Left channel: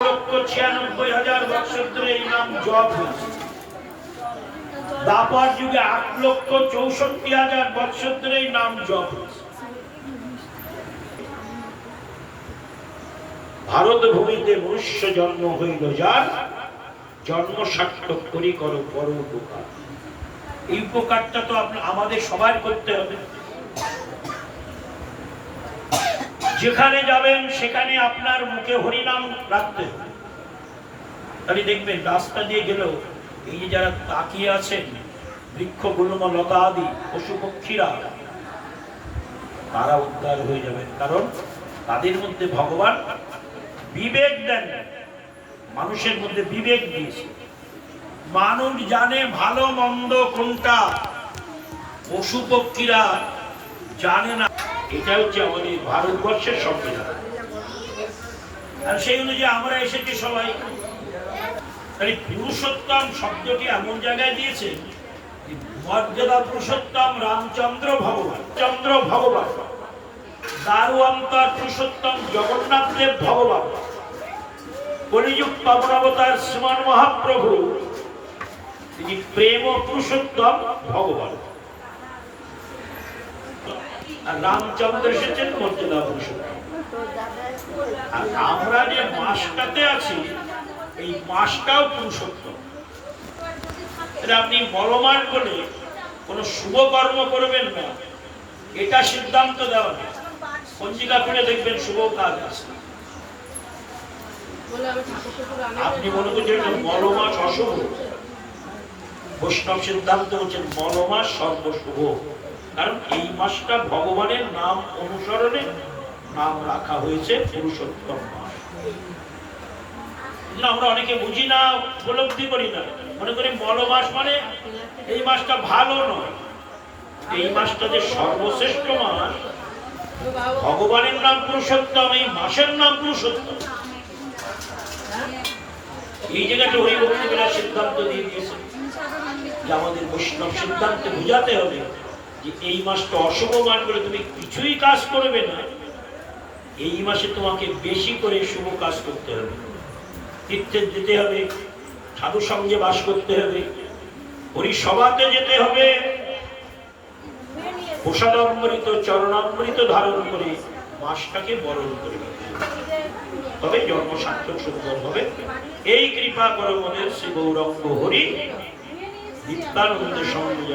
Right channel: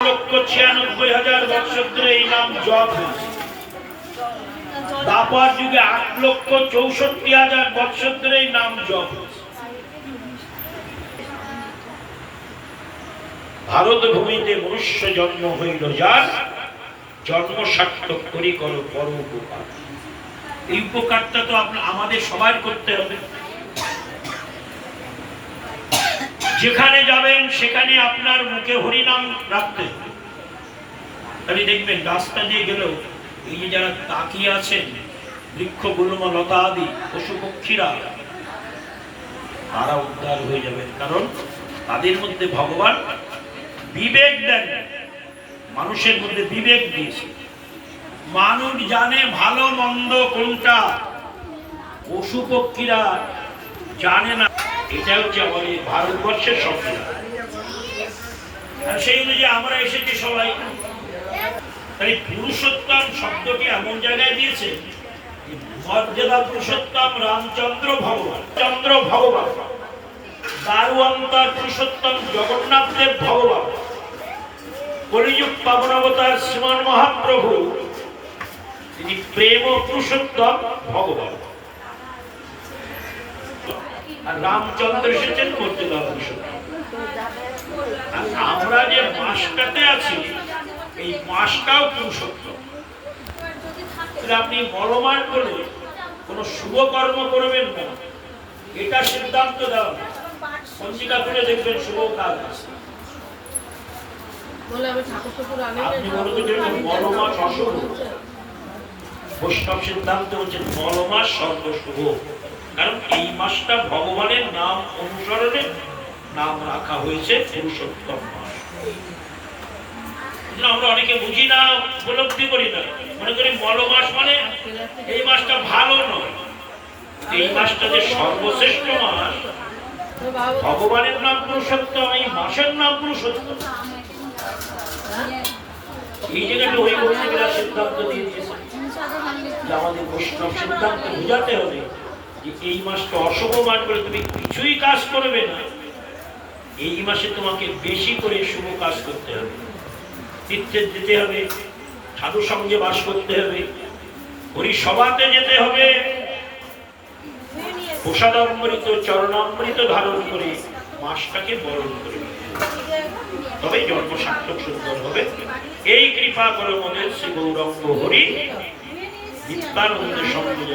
96,000 বছর ধরে এই নাম জপ হয়েছে। দ্বাপর যুগে 8,64,000 বছর ধরে এই নাম জপ হয়েছে। ভারত ভূমিতে মনুষ্য জন্ম হইল যার, জন্ম সার্থক করি করো পর উপকার। এই উপকারটা তো আমাদের সবার করতে হবে। যেখানে যাবেন সেখানে আপনার মুখে হরিনাম রাখতে হবে। তাহলে দেখবেন রাস্তা দিয়ে গেলেও এই যে যারা তাকিয়ে আছেন, বৃক্ষ গুল্ম লতা আদি পশু পক্ষীরা, তারা উদ্ধার হয়ে যাবে। কারণ তাদের মধ্যে ভগবান বিবেক দেন, মানুষের মধ্যে বিবেক দিয়েছে। মানুষ জানে ভালো মন্দ কোনটা, পশু পক্ষীরা জানে না। এটা হচ্ছে আমাদের ভারতবর্ষের সংবিধান। আর সেই অনুযায়ী আমরা এসেছি সবাই। তাই পুরুষোত্তম শব্দটি এমন জায়গায় দিয়েছে, মর্যাদা পুরুষোত্তম রামচন্দ্র ভগবান, চন্দ্র ভগবান, দারু অন্তর পুরুষোত্তম জগন্নাথ দেব ভগবান, কলিযুগ পাবন অবতার শ্রীমান মহাপ্রভু, তিনি প্রেম পুরুষোত্তম ভগবান। আর রামচন্দ্র এসেছেন মর্যাদা পুরুষোত্তম। আর আমরা যে মাসটাতে আছি, এই মাসটাও পুরুষোত্তম। আপনি বড় মাস বলে কোন শুভ কর্ম করবেন না, এটা সিদ্ধান্ত দেওয়া। পঞ্জিকা পড়ে দেখবেন শুভ কাজ আছে। আপনি মনে করছেন বড় মাস অশুভ, বৈষ্ণব সিদ্ধান্ত হচ্ছেন বড় মাস সর্বশুভ। কারণ এই মাসটা ভগবানের নাম অনুসরণে নাম রাখা হয়েছে পুরুষোত্তম মাস। আমরা অনেকে বুঝি না, উপলব্ধি করি না, মনে করি বড় মাস মানে এই মাসটা ভালো নয়। এই মাসটা যে সর্বশ্রেষ্ঠ মাস, ভগবানের নাম পুরুষোত্তম, এই মাসের নাম পুরুষোত্তম। এই জায়গাটা ওই বক্তৃতা সিদ্ধান্ত দিয়ে দিয়েছে যে আমাদের বৈষ্ণব সিদ্ধান্ত বোঝাতে হবে যে এই মাসটা অশুভ মাস বলে তুমি কিছুই কাজ করবে না। এই মাসে তোমাকে বেশি করে শুভ কাজ করতে হবে, তীর্থে যেতে হবে, সাধু সঙ্গে বাস করতে হবে, হরিসভাতে যেতে হবে, প্রসাদামৃত চরণামৃত ধারণ করে মাসটাকে বরণ করে, তবে জন্ম সার্থক সুন্দর হবে। এই কৃপা করো মোদের শ্রী গৌরাঙ্গ হরি নিত্যানন্দ সঙ্গে।